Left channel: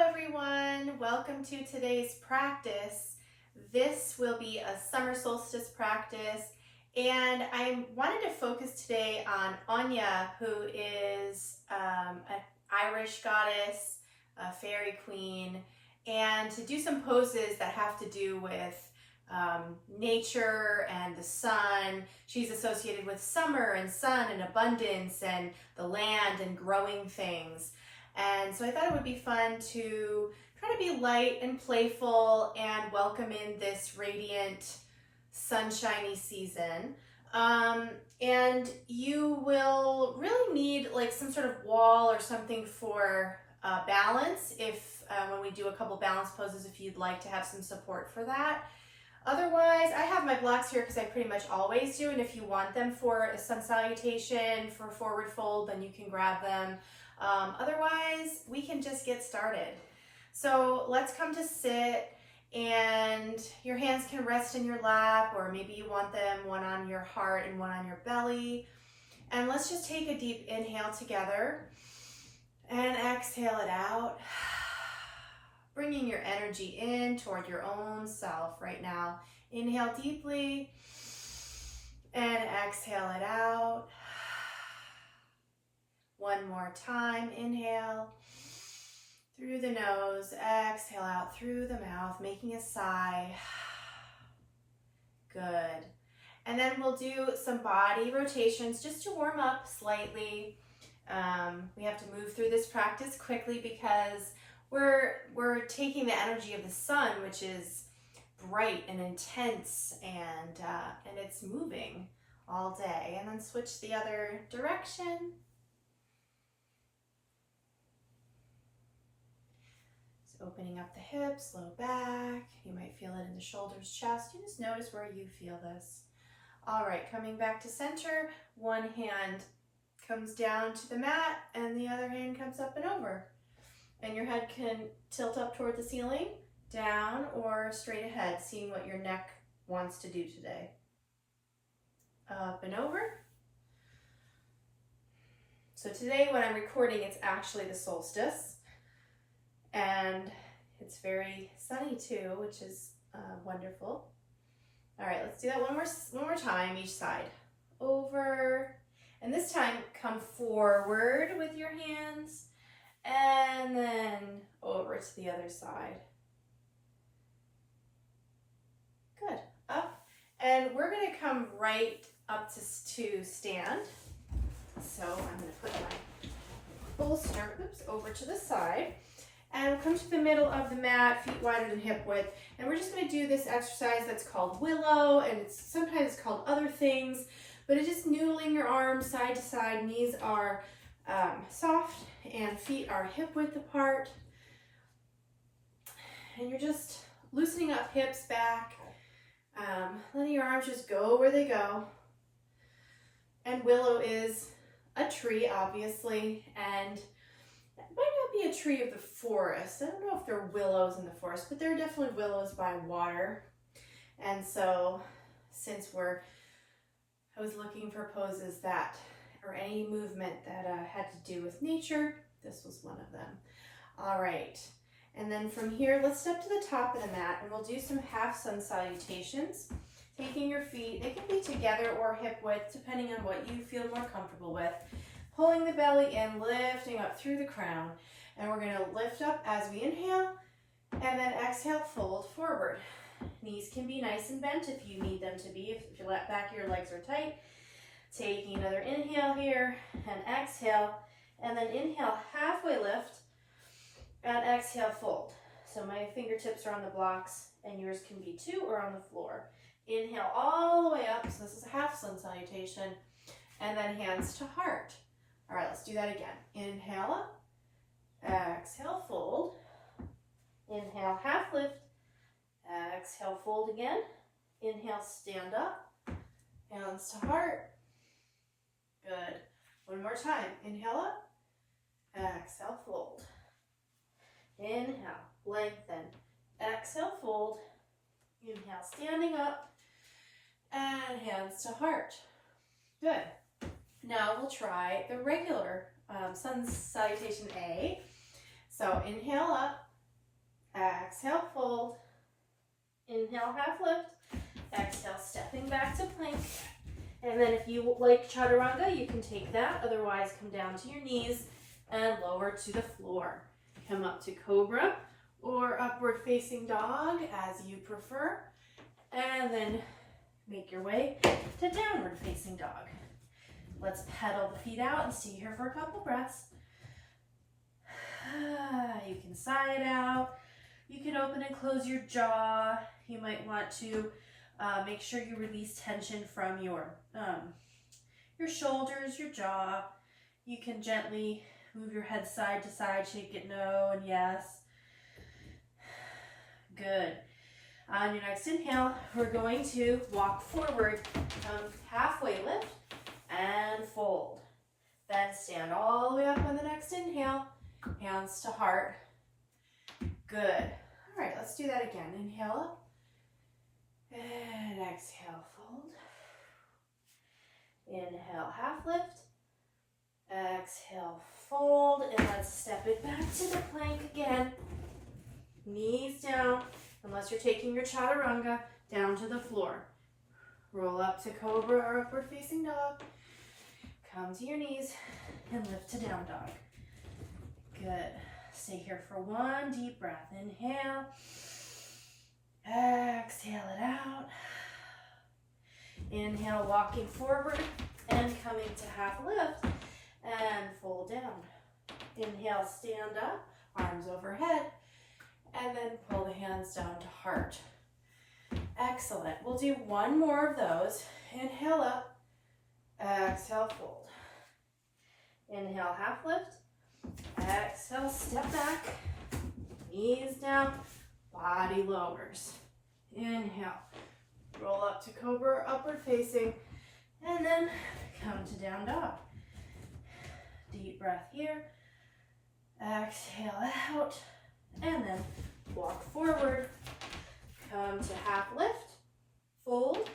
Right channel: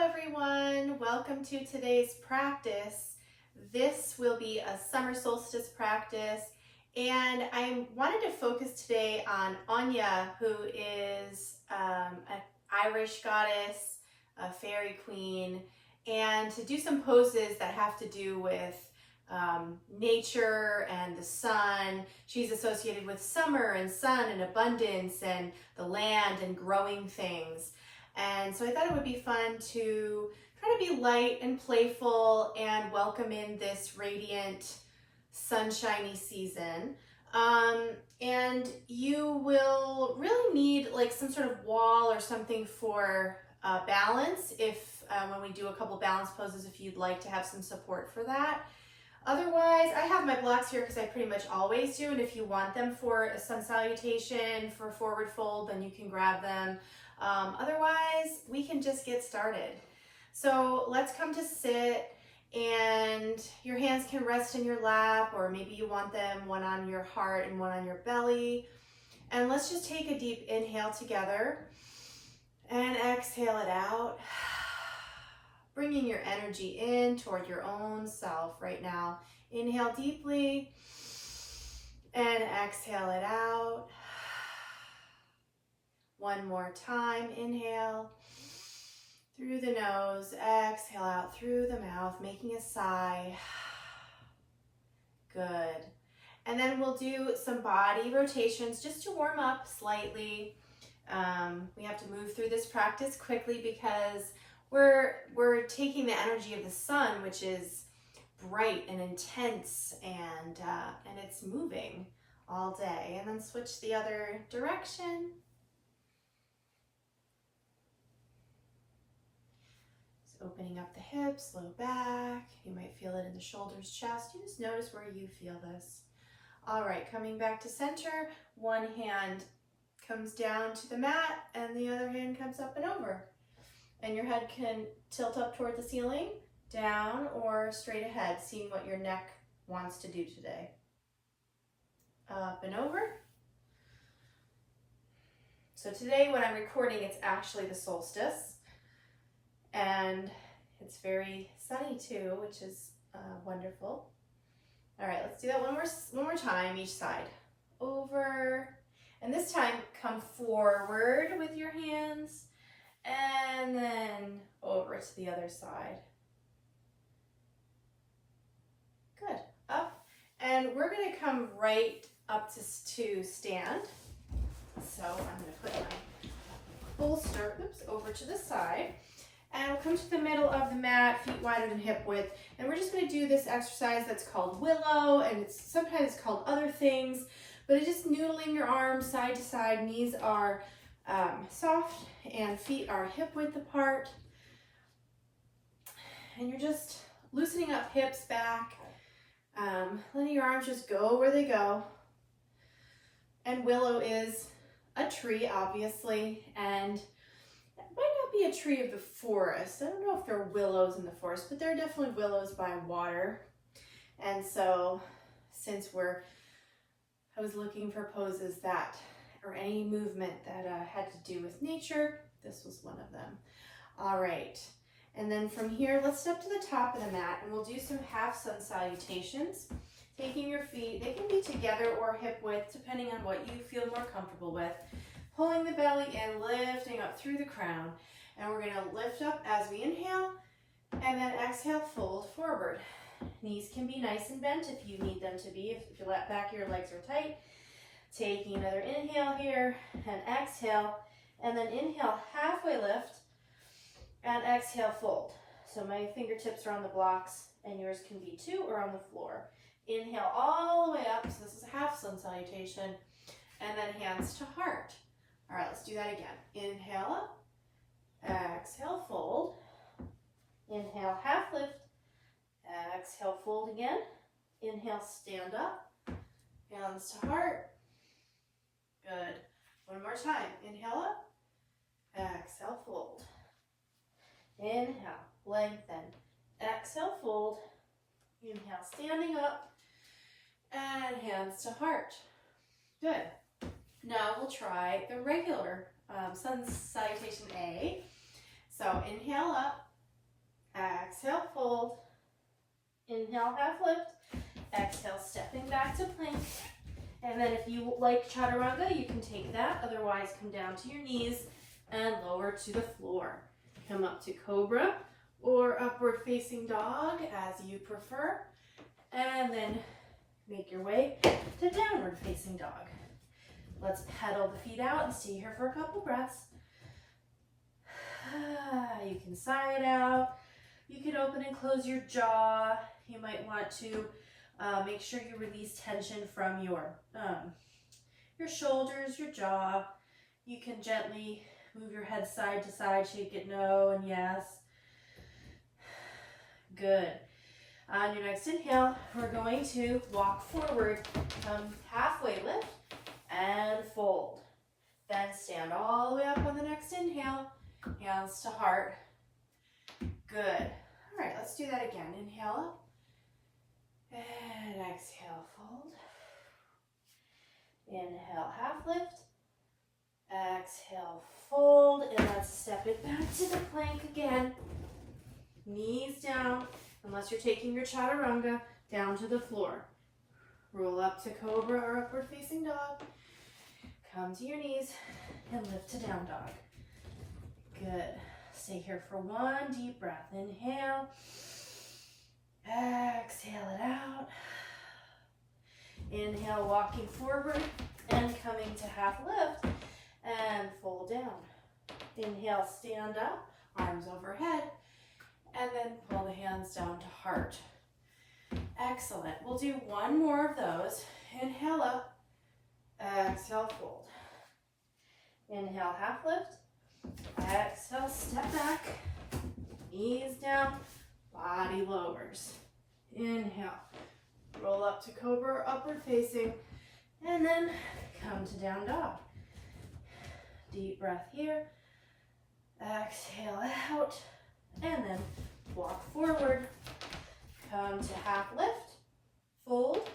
everyone. Welcome to today's practice. This will be a summer solstice practice, and I wanted to focus today on Áine, who is an Irish goddess, a fairy queen, and to do some poses that have to do with nature and the sun. She's associated with summer and sun and abundance and the land and growing things. And so I thought it would be fun to try to be light and playful and welcome in this radiant, sunshiny season. And you will really need like some sort of wall or something for balance if when we do a couple balance poses, if you'd like to have some support for that. Otherwise, I have my blocks here because I pretty much always do, and if you want them for a sun salutation, for forward fold, then you can grab them. Otherwise, we can just get started. So let's come to sit, and your hands can rest in your lap, or maybe you want them one on your heart and one on your belly. And let's just take a deep inhale together and exhale it out. Bringing your energy in toward your own self right now. Inhale deeply and exhale it out. One more time. Inhale through the nose, exhale out through the mouth, making a sigh. Good. And then we'll do some body rotations just to warm up slightly. We have to move through this practice quickly because we're taking the energy of the sun, which is bright and intense, and it's moving all day. And then switch the other direction. So opening up the hips, low back. You might feel it in the shoulders, chest. You just notice where you feel this. All right, coming back to center. One hand comes down to the mat, and the other hand comes up and over. And your head can tilt up toward the ceiling, down, or straight ahead, seeing what your neck wants to do today. Up and over. So today when I'm recording, it's actually the solstice. And it's very sunny too, which is wonderful. All right, let's do that one more time, each side. Over. And this time, come forward with your hands. And then over to the other side. Good. Up. And we're going to come right up to stand. So I'm going to put my bolster over to the side. And we'll come to the middle of the mat, feet wider than hip width. And we're just going to do this exercise that's called willow. And it's sometimes called other things. But it's just noodling your arms side to side. Knees are soft and feet are hip width apart, and you're just loosening up hips back, letting your arms just go where they go. And willow is a tree, obviously, and it might not be a tree of the forest. I don't know if there are willows in the forest, but there are definitely willows by water. And so since I was looking for poses that or any movement that had to do with nature, this was one of them. All right, and then from here, let's step to the top of the mat, and we'll do some half sun salutations. Taking your feet, they can be together or hip width, depending on what you feel more comfortable with. Pulling the belly in, lifting up through the crown, and we're gonna lift up as we inhale, and then exhale, fold forward. Knees can be nice and bent if you need them to be, if your back of your legs are tight. Taking another inhale here and exhale, and then inhale, halfway lift, and exhale, fold. So my fingertips are on the blocks, and yours can be too, or on the floor. Inhale all the way up, so this is a half sun salutation, and then hands to heart. All right, let's do that again. Inhale up, exhale, fold. Inhale, half lift, exhale, fold again. Inhale, stand up, hands to heart. Good. One more time. Inhale up. Exhale, fold. Inhale, lengthen. Exhale, fold. Inhale, standing up. And hands to heart. Good. Now we'll try the regular sun salutation A. So inhale up. Exhale, fold. Inhale, half lift. Exhale, stepping back to plank. And then if you like chaturanga, you can take that. Otherwise, come down to your knees and lower to the floor. Come up to cobra or upward facing dog as you prefer. And then make your way to downward facing dog. Let's pedal the feet out and stay here for a couple breaths. You can sigh it out. You can open and close your jaw. You might want to make sure you release tension from your shoulders, your jaw. You can gently move your head side to side, shake it no and yes. Good. On your next inhale, we're going to walk forward, halfway lift and fold. Then stand all the way up on the next inhale, hands to heart. Good. All right, let's do that again. Inhale up and exhale, fold. Inhale, half lift. Exhale, fold, and let's step it back to the plank again. Knees down, unless you're taking your chaturanga, down to the floor. Roll up to cobra or upward facing dog. Come to your knees and lift to down dog. Good. Stay here for one deep breath. Inhale. Exhale it out. Inhale, walking forward and coming to half lift and fold down. Inhale, stand up, arms overhead, and then pull the hands down to heart. Excellent. We'll do one more of those. Inhale up, exhale, fold. Inhale, half lift. Exhale, step back, knees down, body lowers. Inhale, roll up to cobra, upward facing, and then come to down dog. Deep breath here. Exhale out, and then walk forward. Come to half lift, fold,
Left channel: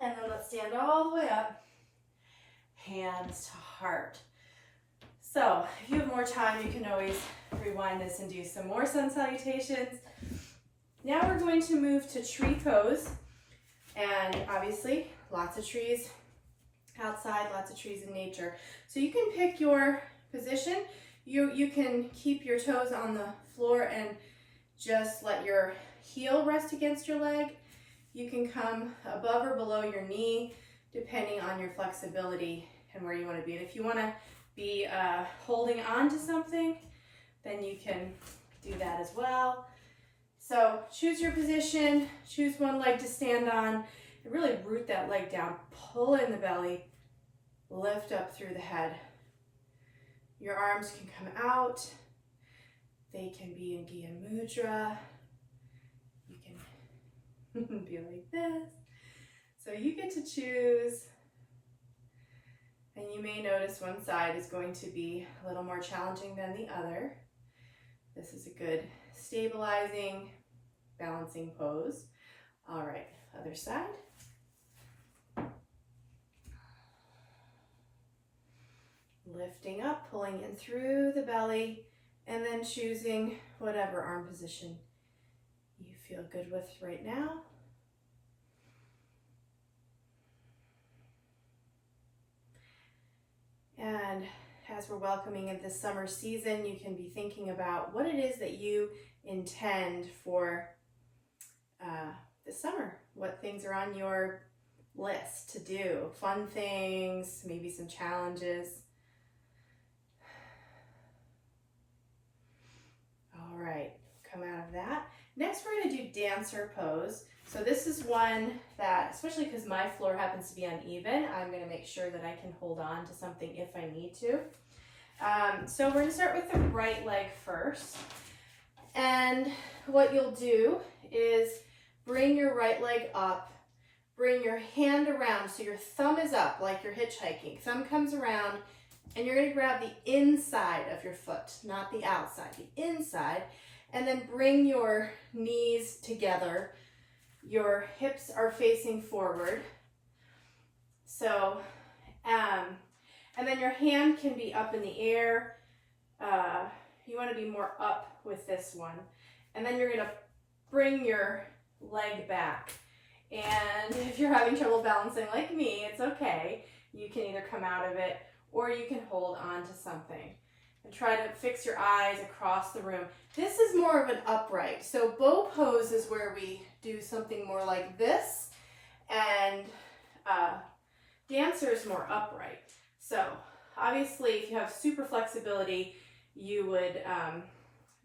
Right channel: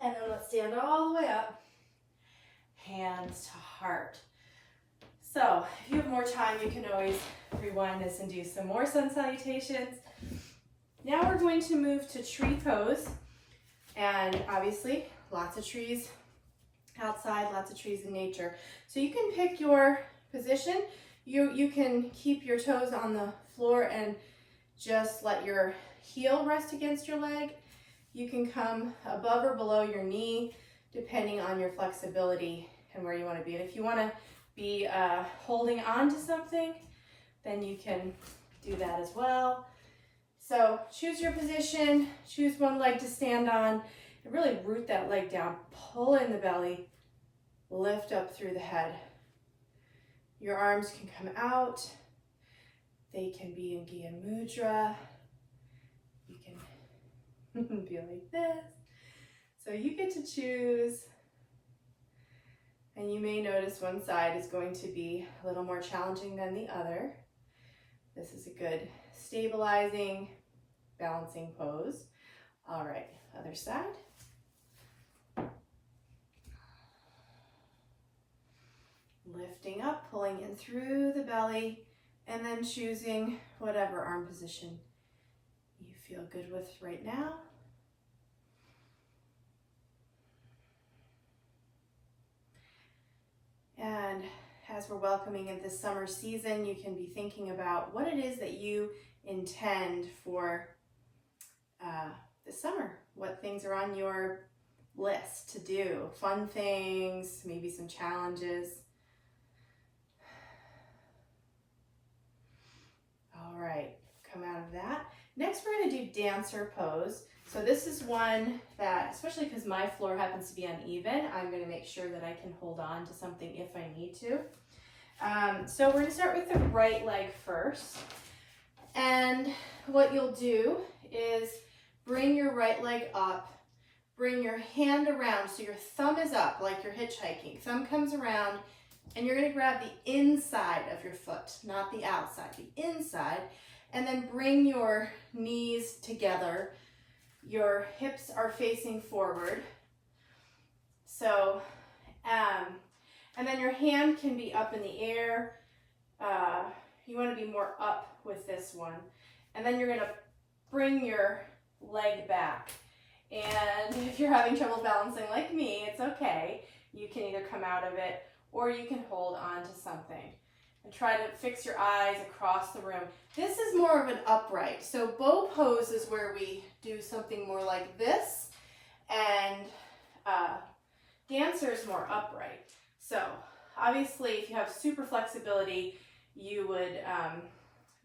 and then let's stand all the way up. Hands to heart. So if you have more time, you can always rewind this and do some more sun salutations. Now we're going to move to tree pose. And obviously, lots of trees outside, lots of trees in nature. So you can pick your position. You can keep your toes on the floor and just let your heel rest against your leg. You can come above or below your knee, depending on your flexibility and where you want to be. And if you want to be holding on to something, then you can do that as well. So choose your position, choose one leg to stand on, and really root that leg down. Pull in the belly, lift up through the head. Your arms can come out. They can be in Gyan Mudra. You can be like this. So you get to choose. And you may notice one side is going to be a little more challenging than the other. This is a good stabilizing, balancing pose. All right, other side. Lifting up, pulling in through the belly, and then choosing whatever arm position you feel good with right now. And as we're welcoming in this summer season, you can be thinking about what it is that you intend for this summer. What things are on your list to do, fun things, maybe some challenges. All right, come out of that. Next, we're going to do dancer pose. So this is one that, especially because my floor happens to be uneven, I'm going to make sure that I can hold on to something if I need to. So we're going to start with the right leg first. And what you'll do is bring your right leg up, bring your hand around, so your thumb is up like you're hitchhiking. Thumb comes around, and you're going to grab the inside of your foot, not the outside, the inside, and then bring your knees together. Your hips are facing forward. So, and then your hand can be up in the air. You want to be more up with this one. And then you're gonna bring your leg back. And if you're having trouble balancing like me, it's okay. You can either come out of it or you can hold on to something. And try to fix your eyes across the room. This is more of an upright. So bow pose is where we do something more like this, and dancer is more upright. So obviously if you have super flexibility, you would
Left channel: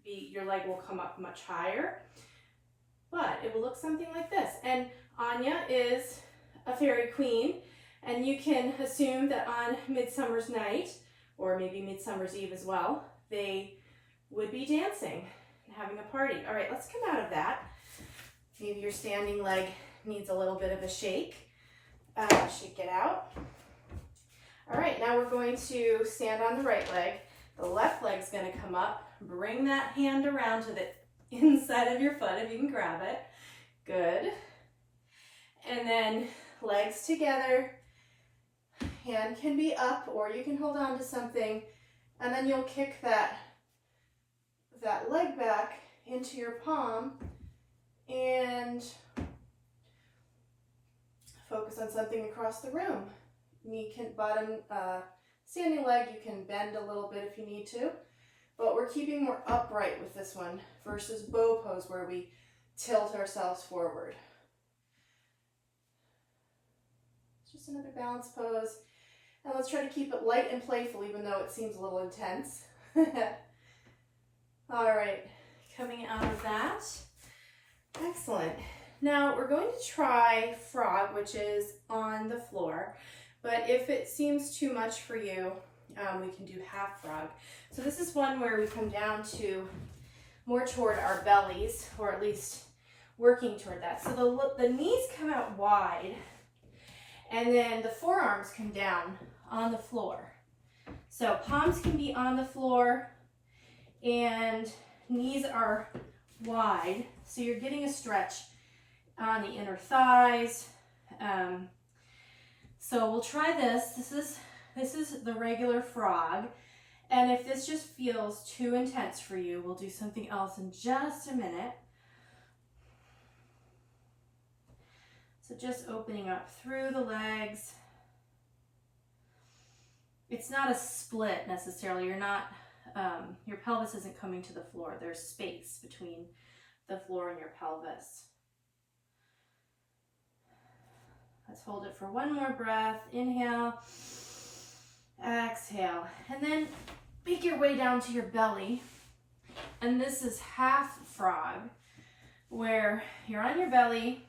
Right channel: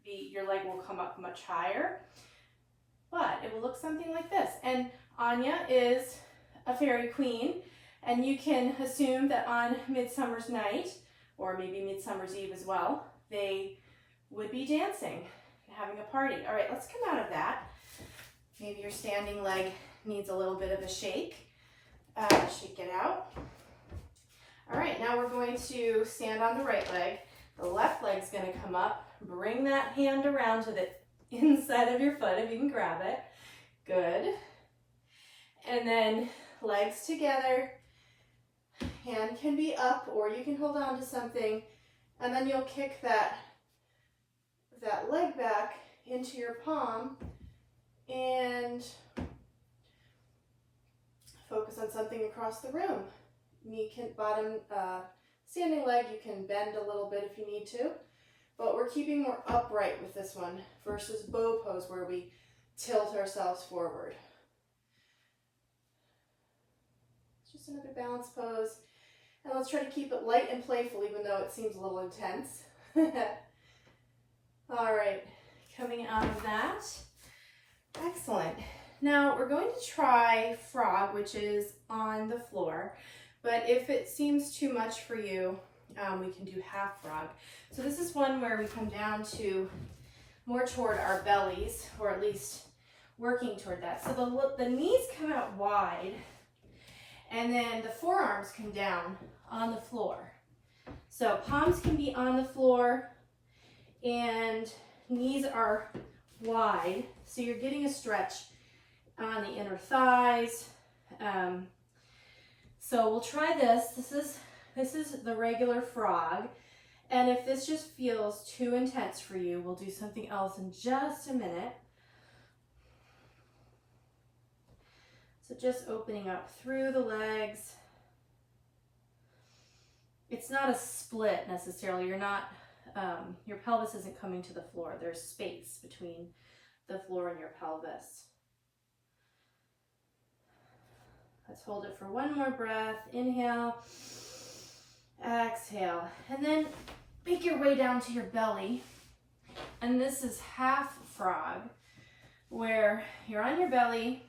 your leg will come up much higher, but it will look something like this. And Áine is a fairy queen, and you can assume that on Midsummer's Night, or maybe Midsummer's Eve as well, they would be dancing and having a party. All right, let's come out of that. Maybe your standing leg needs a little bit of a shake. Shake it out. All right, now we're going to stand on the right leg. The left leg's gonna come up. Bring that hand around to the inside of your foot if you can grab it. Good. And then legs together. Hand can be up, or you can hold on to something, and then you'll kick that leg back into your palm and focus on something across the room. Knee can standing leg, you can bend a little bit if you need to, but we're keeping more upright with this one versus bow pose where we tilt ourselves forward. Just another balance pose. And let's try to keep it light and playful, even though it seems a little intense. All right, coming out of that. Excellent. Now we're going to try frog, which is on the floor. But if it seems too much for you, we can do half frog. So this is one where we come down to more toward our bellies, or at least working toward that. So the knees come out wide, and then the forearms come down on the floor. So palms can be on the floor and knees are wide. So you're getting a stretch on the inner thighs. So we'll try this. This is the regular frog. And if this just feels too intense for you, we'll do something else in just a minute. So just opening up through the legs. It's not a split necessarily. You're not, your pelvis isn't coming to the floor. There's space between the floor and your pelvis. Let's hold it for one more breath. Inhale, exhale, and then make your way down to your belly. And this is half frog, where you're on your belly,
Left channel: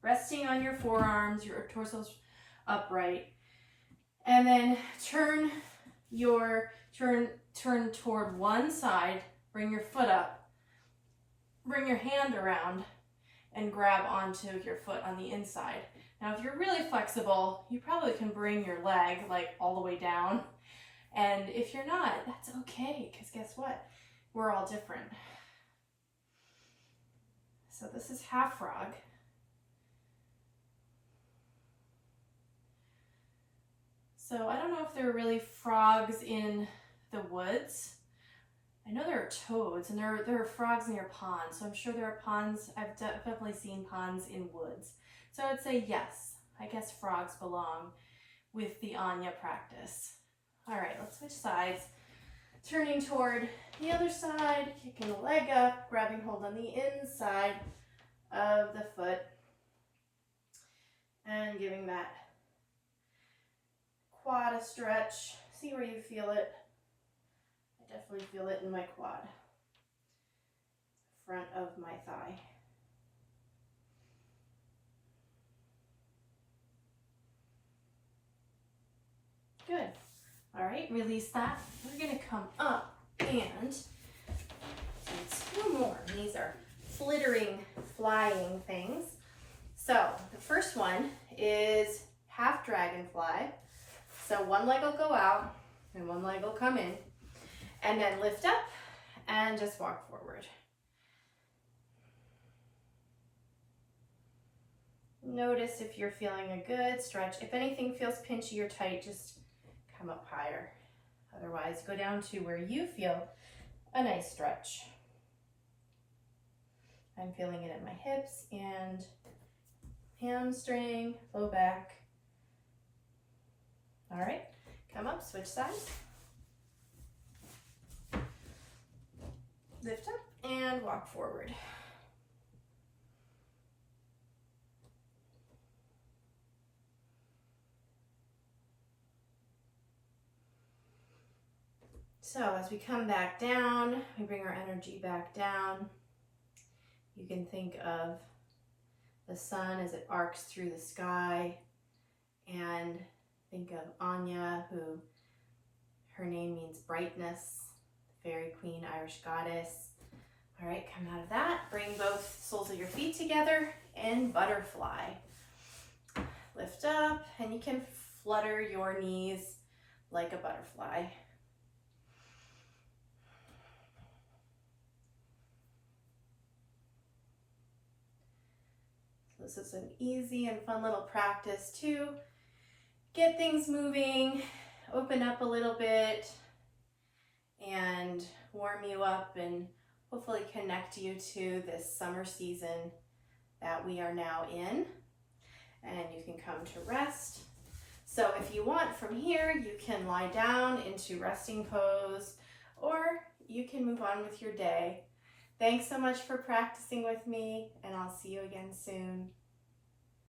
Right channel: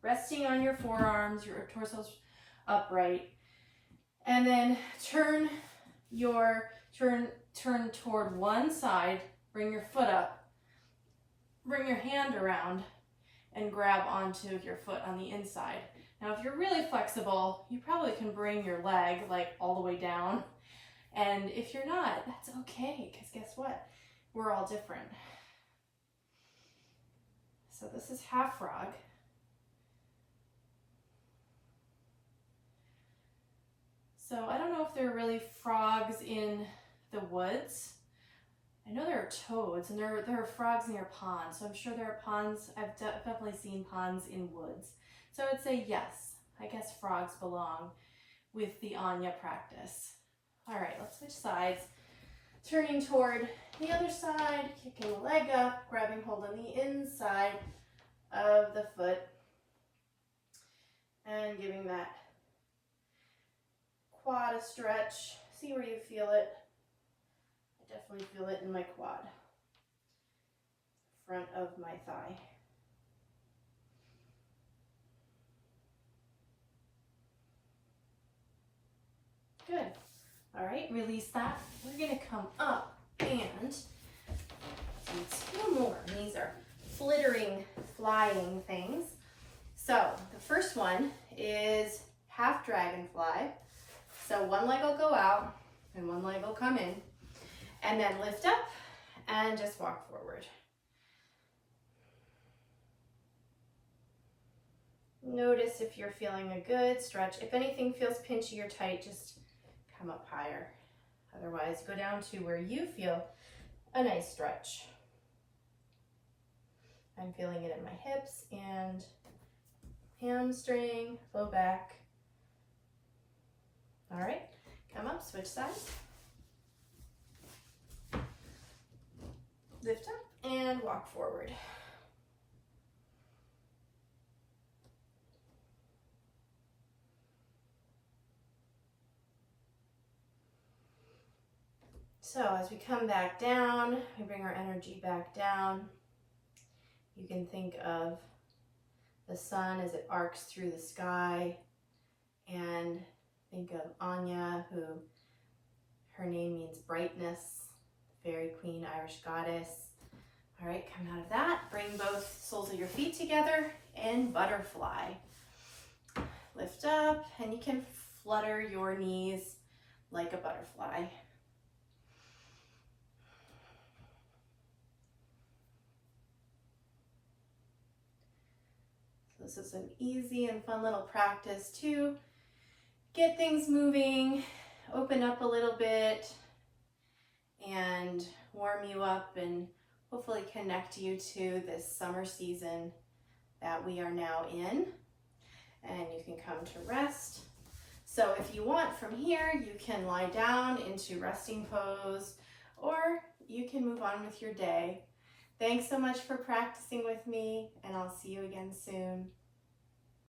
resting on your forearms, your torso's upright, and then turn toward one side, bring your foot up, bring your hand around, and grab onto your foot on the inside. Now, if you're really flexible, you probably can bring your leg like all the way down. And if you're not, that's okay, because guess what? We're all different. So this is half frog. So I don't know if there are really frogs in the woods. I know there are toads, and there are frogs near ponds, so I'm sure there are ponds. I've definitely seen ponds in woods. So I'd say yes, I guess frogs belong with the Áine practice. All right, let's switch sides. Turning toward the other side, kicking the leg up, grabbing hold on the inside of the foot, and giving that quad a stretch. See where you feel it. I definitely feel it in my quad, front of my thigh. Good. All right, release that. We're gonna come up and do two more. These are flittering, flying things. So the first one is half dragonfly. So one leg will go out and one leg will come in, and then lift up and just walk forward. Notice if you're feeling a good stretch. If anything feels pinchy or tight, just come up higher. Otherwise, go down to where you feel a nice stretch. I'm feeling it in my hips and hamstring, low back. All right, come up, switch sides. Lift up and walk forward. So as we come back down, we bring our energy back down. You can think of the sun as it arcs through the sky, and think of Áine, who her name means brightness, fairy queen, Irish goddess. All right, come out of that. Bring both soles of your feet together in butterfly. Lift up, and you can flutter your knees like a butterfly. This is an easy and fun little practice to get things moving, open up a little bit, and warm you up and hopefully connect you to this summer season that we are now in. And you can come to rest. So if you want from here, you can lie down into resting pose, or you can move on with your day. Thanks so much for practicing with me, and I'll see you again soon.